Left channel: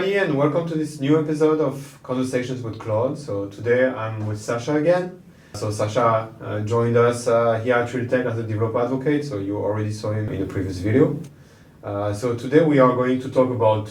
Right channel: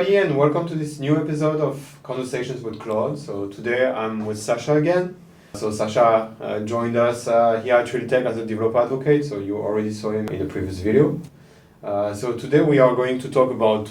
everybody, and welcome to this new episode of Conversations with Claude. So today I'm with Sasha again. So Sasha joined us here at Tech as a developer advocate, so you already saw him in the previous video. So today we are going to talk about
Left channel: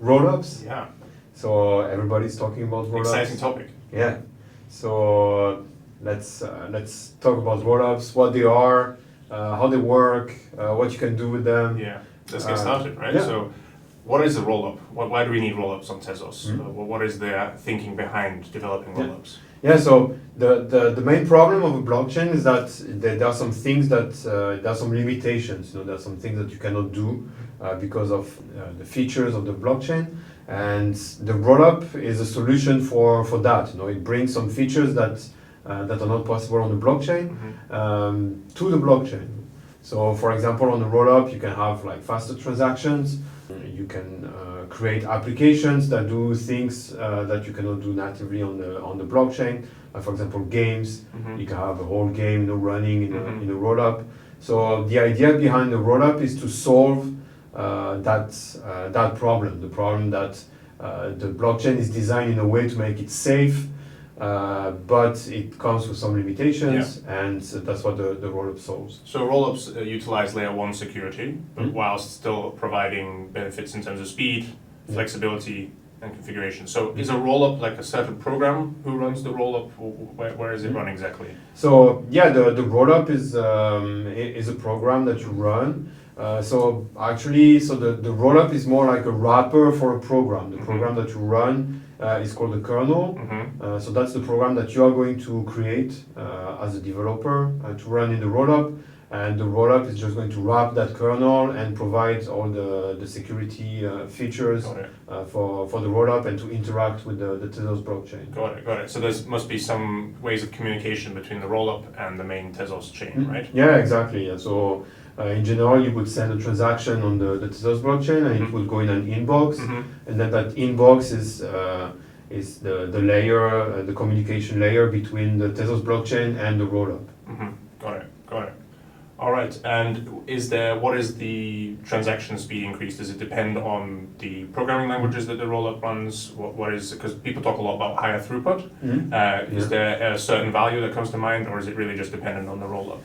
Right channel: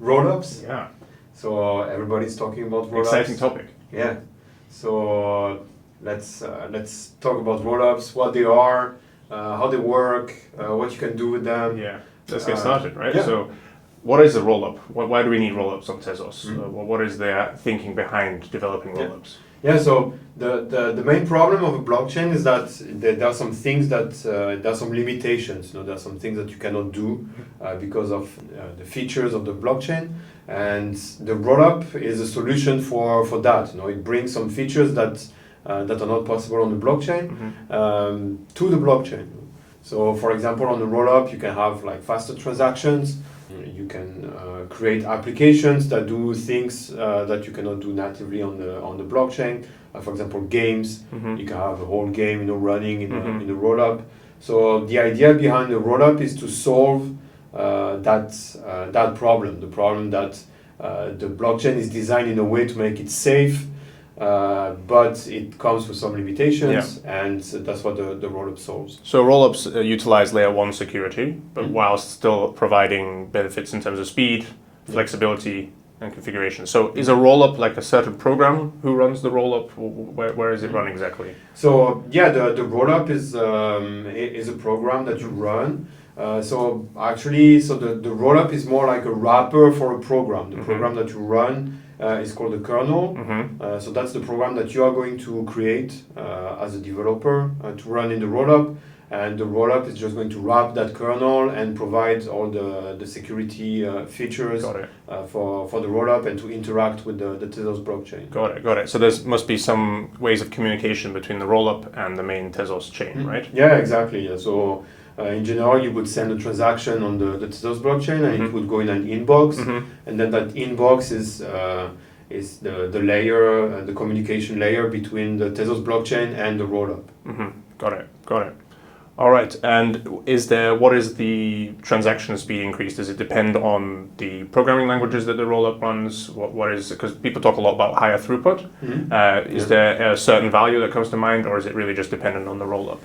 rollups. Yeah. So everybody's talking about rollups. Exciting topic. Yeah. So let's talk about rollups, what they are, how they work, what you can do with them. Yeah. Let's get started, right? Yeah. So, what is a rollup? Why do we need rollups on Tezos? What is their thinking behind developing rollups? Yeah, so the main problem of a blockchain is that there are some things that, there are some limitations, there are some things that you cannot do because of the features of the blockchain, and the rollup is a solution for that. It brings some features that are not possible on the blockchain to the blockchain. So for example, on the rollup you can have like faster transactions, you can create applications that do things that you cannot do natively on the blockchain. For example, games, you can have a whole game running in the rollup. So the idea behind the rollup is to solve that problem, the problem that the blockchain is designed in a way to make it safe, but it comes with some limitations, and that's what the rollup solves. So rollups utilize layer 1 security, but while still providing benefits in terms of speed, flexibility, and configuration. So is a rollup like a certain program who runs the rollup? Where is it run exactly? So yeah, the rollup is a program that you run. So the rollup is more like a wrapper for a program. The program that you run is called the kernel. So that's the program that you are going to create as a developer to run in the rollup. And the rollup is just going to wrap that kernel and provide all the security features for the rollup and to interact with the Tezos blockchain. Got it. So there must be some ways of communication between the rollup and the main Tezos chain, right? Yeah, exactly. Yeah. So in general, you would send a transaction on the Tezos blockchain, and it would go in an inbox, and then that inbox is the layer, the communication layer between the Tezos blockchain and the rollup. Got it. All right. And what is the transaction speed increase? Does it depend on the programming languages that the rollup runs? What is, because people talk a lot about higher throughput. Is there a certain value that comes to mind, or is it really just dependent on the rollup?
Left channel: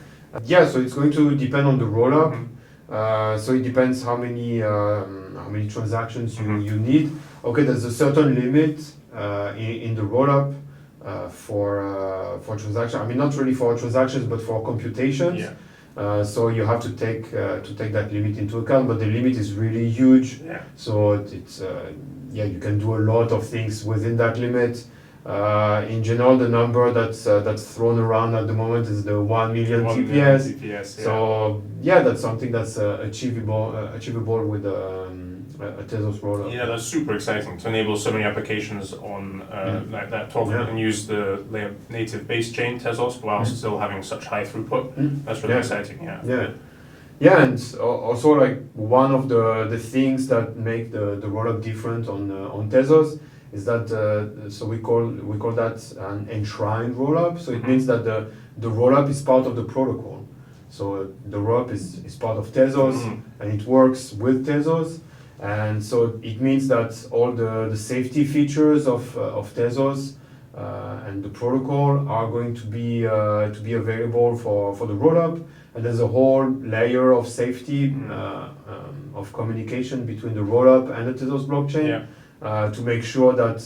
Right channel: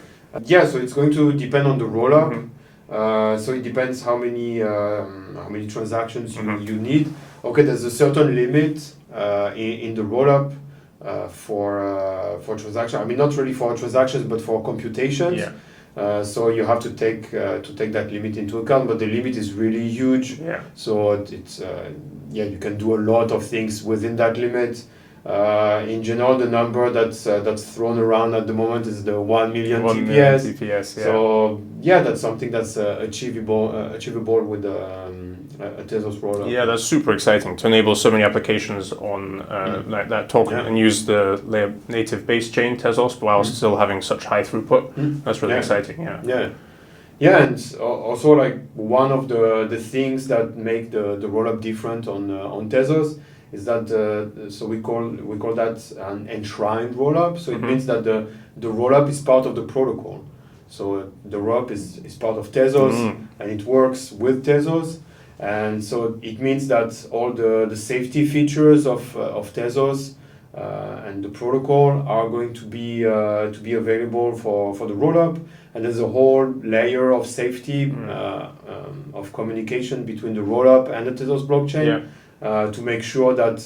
Yeah, so it's going to depend on the rollup. So it depends how many transactions you need. Okay, there's a certain limit in the rollup for transaction. I mean, not really for transactions, but for computations. So you have to take that limit into account, but the limit is really huge. So it's you can do a lot of things within that limit. In general, the number that's thrown around at the moment is the 1 million TPS. So that's something that's achievable with a Tezos rollup. Yeah, that's super exciting to enable so many applications on like that token and use the layer native base chain Tezos while still having such high throughput. That's really exciting. Yeah, and also like one of the things that make the rollup different on Tezos is that so we call that an enshrined rollup. So it means that the rollup is part of the protocol. So the rollup is part of Tezos and it works with Tezos, and so it means that all the safety features of Tezos and the protocol are going to be available for the rollup. And there's a whole layer of safety of communication between the rollup and the Tezos blockchain. To make sure that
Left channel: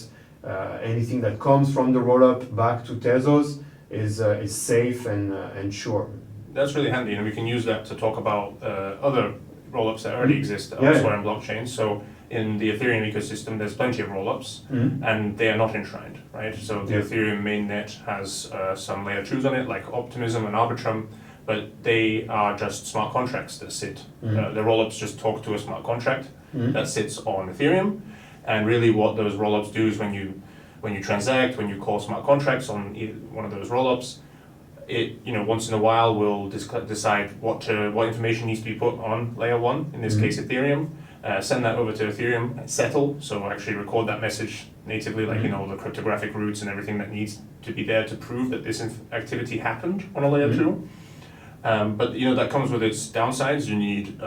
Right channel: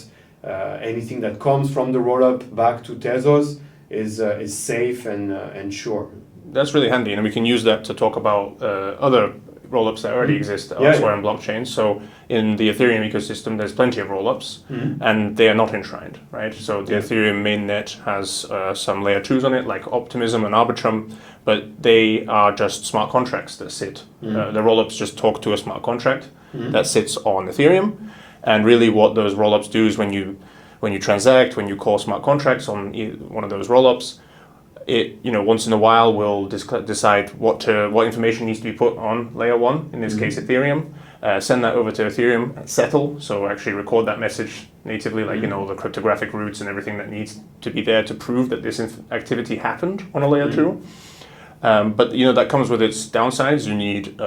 anything that comes from the rollup back to Tezos is safe and sure. That's really handy, and we can use that to talk about other rollups that already exist elsewhere in blockchains. So in the Ethereum ecosystem, there's plenty of rollups, and they are not enshrined, right? So the Ethereum mainnet has some layer 2s on it, like Optimism and Arbitrum, but they are just smart contracts that sit. The rollups just talk to a smart contract that sits on Ethereum. And really what those rollups do is when you transact, when you call smart contracts on one of those rollups, it once in a while will decide what information needs to be put on layer 1, in this case Ethereum, send that over to Ethereum, settle, so actually record that message natively, like the cryptographic roots and everything that needs to be there to prove that this activity happened on a layer 2. But that comes with its downsides. You need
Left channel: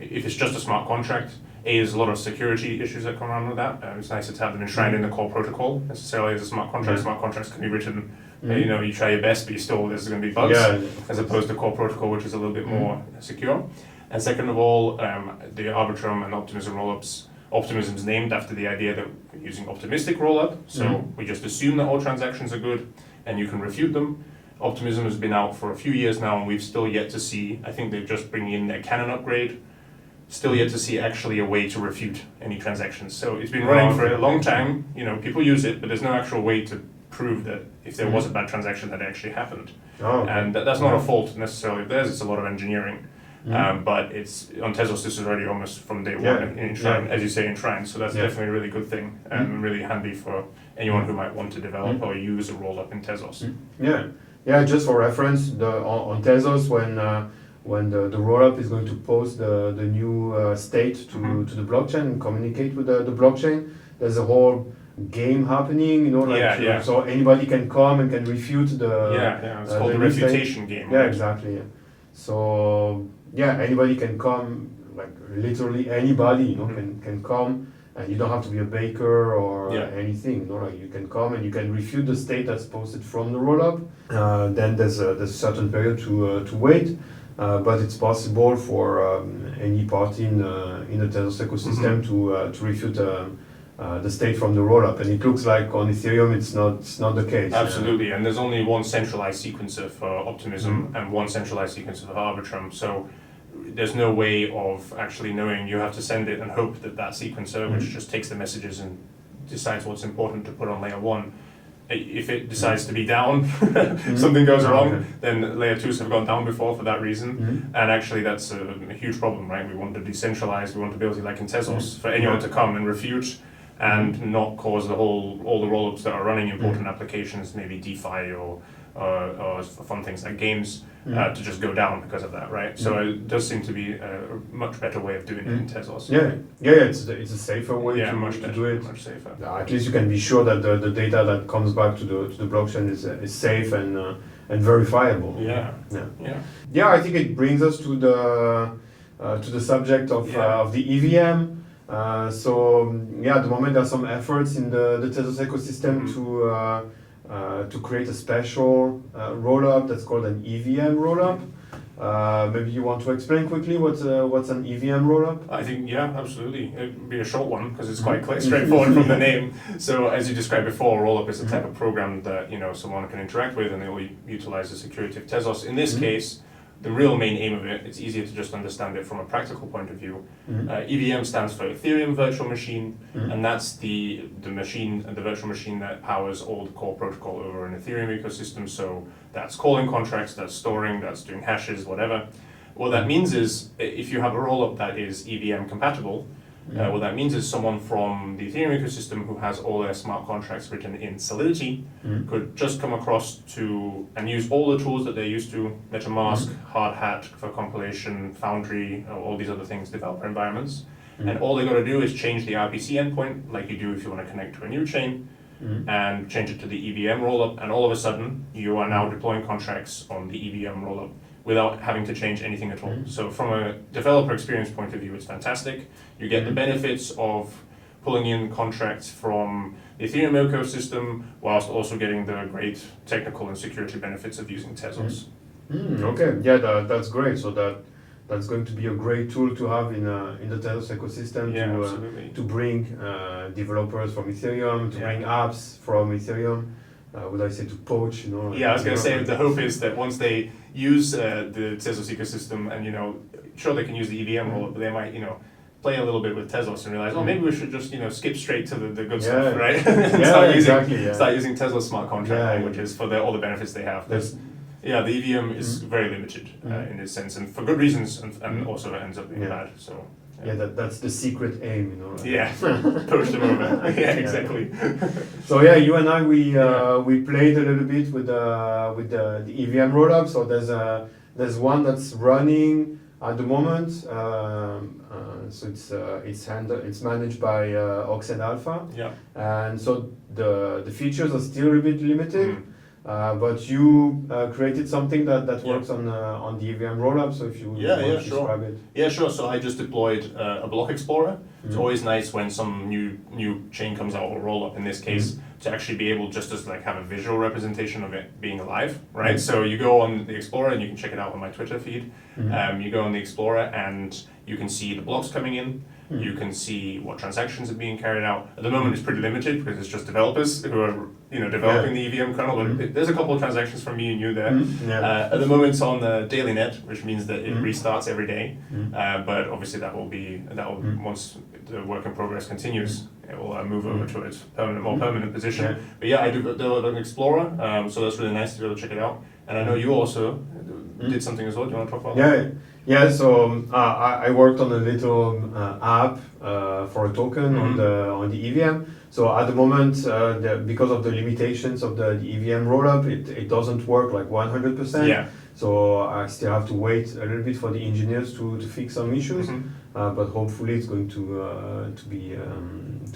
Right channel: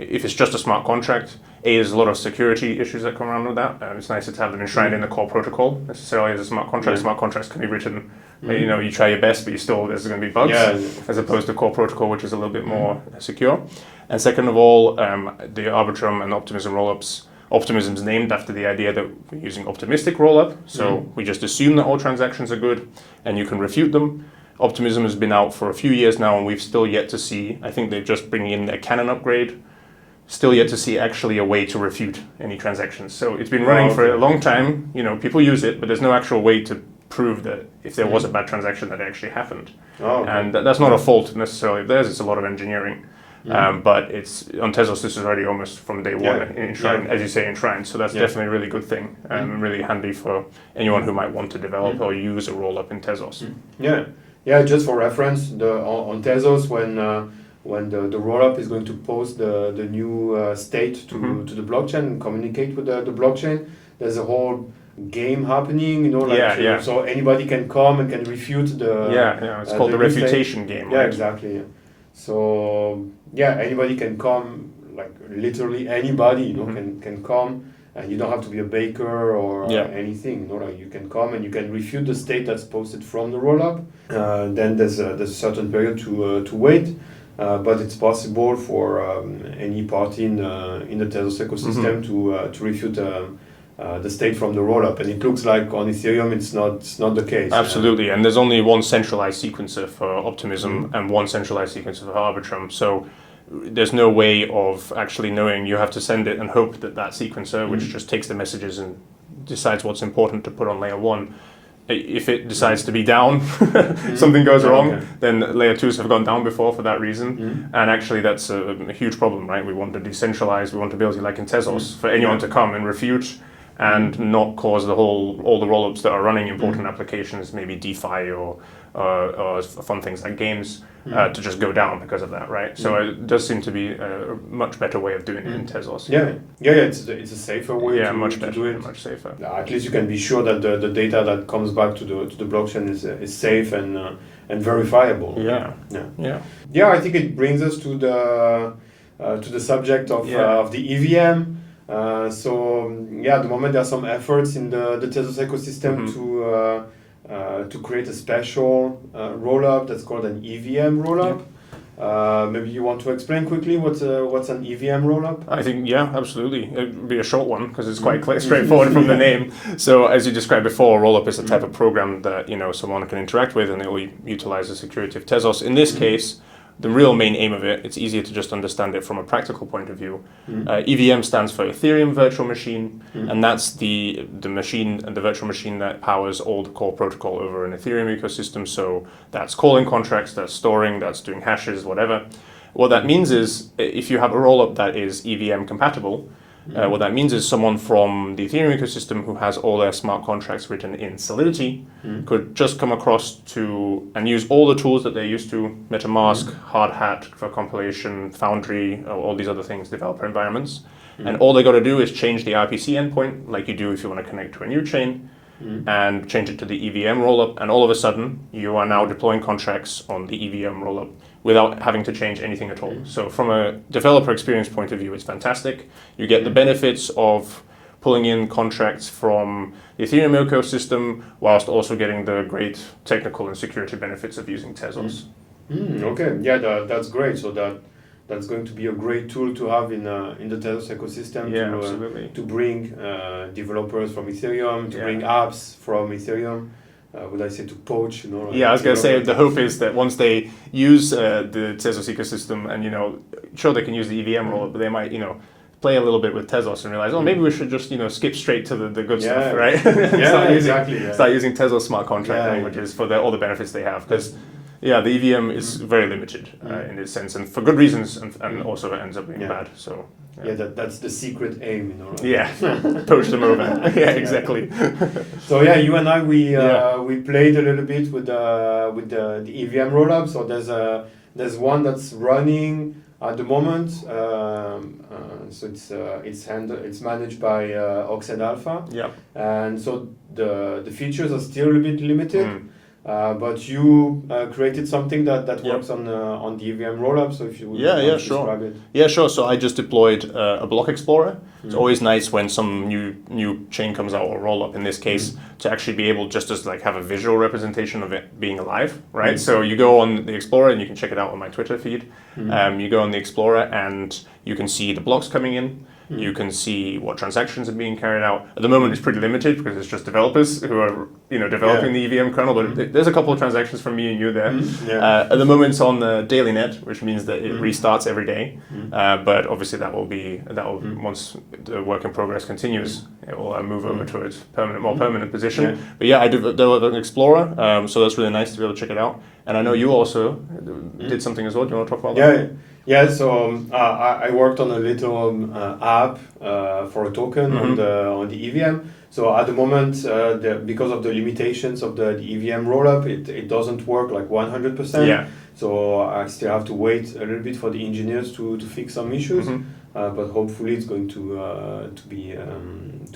if it's just a smart contract, there's a lot of security issues that come around with that. It's nicer to have them enshrined in the core protocol necessarily as a smart contract. Smart contracts can be written, you try your best, but there's going to be bugs, as opposed to core protocol, which is a little bit more secure. And second of all, the Arbitrum and Optimism rollups. Optimism's named after the idea that we're using optimistic rollup, so we just assume that all transactions are good, and you can refute them. Optimism has been out for a few years now, and we've still yet to see, I think they're just bringing in their canon upgrade, still yet to see actually a way to refute any transactions. So it's been running for a long time, people use it, but there's no actual way to prove that if there was a bad transaction that it actually happened. And that's not a fault necessarily of theirs, it's a lot of engineering. But it's on Tezos, this is already almost from day one enshrined, as you say, enshrined. So that's definitely a really good thing and really handy for anyone who might want to develop or use a rollup in Tezos. Yeah. Just for reference, on Tezos, when the rollup is going to post the new state to the blockchain and communicate with the blockchain, there's a whole game happening, so anybody can come and can refute the it's called the refutation game. Right? Exactly. So anybody can come, like literally anybody, can come, and you don't have to be a baker or anything. You can come and you can refute the state that's posted from the rollup. Then there's a certain period to wait, but it's possible for any party in the Tezos ecosystem to refute the state from the rollup, and it looks like on Ethereum it's not the case. Absolutely, and there's only one centralized sequencer for Optimism and one centralized sequencer for Arbitrum, so there's no way of actually knowing. You have to send it and hope that sequencer, which just takes the messages and decides what's important to put on layer 1, if it decides to be down, something goes wrong, then layer 2s have gone down before for that reason. And actually that's a huge problem, right? We want to decentralize, we want to be able to, like in Tezos, for anyone to come and refute and not cause all the rollups that are running important applications, maybe DeFi or fun things like games, to just go down because of that, right? So it does seem to be a much better way of doing it in Tezos. It's a safer way to do it. Much safer. At least you can be sure that the data that comes back to the blockchain is safe and verifiable. I think it brings us to the subject of the EVM. At the moment there are some efforts in the Tezos ecosystem to create a special rollup that's called an EVM rollup. Maybe you want to explain quickly what's an EVM rollup? I think, absolutely. It would be a short one because it's quite straightforward from the name. So as you described before, a rollup is a type of program that someone can interact with, and it will utilize the security of Tezos. In this case, the real main aim of it's easier to just understand it from a practical point of view. EVM stands for Ethereum Virtual Machine, and that's the virtual machine that powers all the core protocol over an Ethereum ecosystem. So that's calling contracts, that's storing, that's doing hashes, whatever. What that means is, if you have a rollup that is EVM compatible, what that means is someone from the Ethereum ecosystem who has all their smart contracts written in Solidity could just come across and use all the tools that they're used to, MetaMask, Hardhat for compilation, Foundry, all these other things, developer environments. And all they got to do is change the RPC endpoint, like you do if you want to connect to a new chain, and change it to the EVM rollup, and all of a sudden you are now deploying contracts on the EVM rollup without having to change anything at all. So from a developer experience point of view, it's fantastic. You get the benefits of pulling in contracts from the Ethereum ecosystem whilst also getting the great technical and security benefits of using Tezos. That's great. So that's going to be a great tool to have in the Tezos ecosystem to bring developers from Ethereum, to bring apps from Ethereum. Would I say to poach? I was going to say the hope is that once they use the Tezos ecosystem, and sure they can use the EVM rollup, but they might play a little bit with Tezos and realize, maybe we should just skip straight to the good stuff, right? Start using Tezos smart contract languages for all the benefits they have, because the EVM is very limited in this sense, and for good reasons, and also it ends up being bad. So that's the secret aim, poach them over. Exactly. So you and I we played a little bit with the EVM rollup. So there's one that's running at the moment. So it's managed by Oxide Alpha. And so the features are still a bit limited. but you created something that works on the EVM Rollup. So if you want to describe it. Yeah, sure. So I just deployed a block explorer. It's always nice when some new chain comes out, or rollup in this case, to actually be able just to like have a visual representation of it being alive, right? So you go on the explorer and you can check it out on my Twitter feed. You go on the explorer and you can see the blocks coming in. You can see what transactions are being carried out. At the moment, it's pretty limited because it's just developers who are developing the EVM kernel. But there's a couple of transactions from me and you there. At the moment, it's on the daily net, which means that it restarts every day. But obviously, that will once the work in progress continues, it will move over to its more permanent position. But yeah, I developed an explorer, so that's really nice to be able to check it out. And I know you also did something as well. Do you want to talk about that? Yeah, so I worked on a little app for a token on the EVM. So at the moment, because of the limitations of the EVM rollup, it doesn't work like 100%. Yeah. So I still have to wait a little bit for the engineers to fix some issues. But hopefully it's going to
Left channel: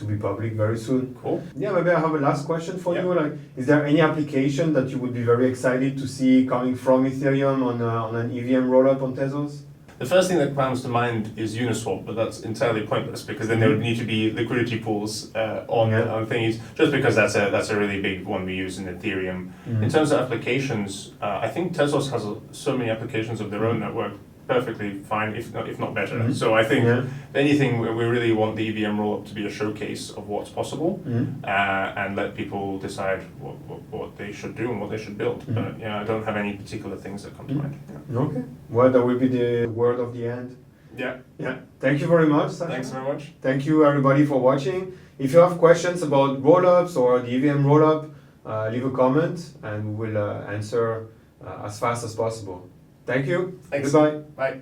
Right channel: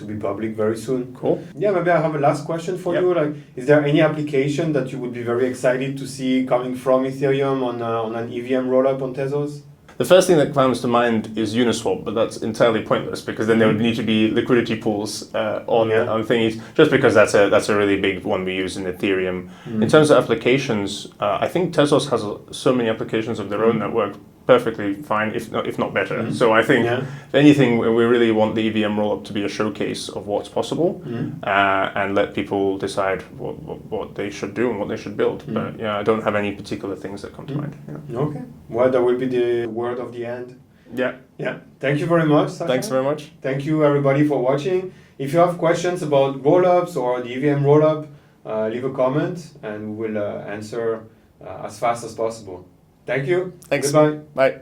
be public very soon. Cool. Yeah, maybe I have a last question for you. Like, is there any application that you would be very excited to see coming from Ethereum on an EVM rollup on Tezos? The first thing that comes to mind is Uniswap, but that's entirely pointless because then there would need to be liquidity pools on thingies. Just because that's a really big one we use in Ethereum. In terms of applications, I think Tezos has so many applications of their own that work perfectly fine, if not better. So I think, if anything, we really want the EVM rollup to be a showcase of what's possible and let people decide what they should do and what they should build. But yeah, I don't have any particular things that come to mind. Okay. Well, that will be the word of the end. Yeah. Thank you very much, Sasha. Thanks very much. Thank you, everybody, for watching. If you have questions about rollups or the EVM rollup, leave a comment and we will answer as fast as possible. Thank you. Thanks. Goodbye. Bye.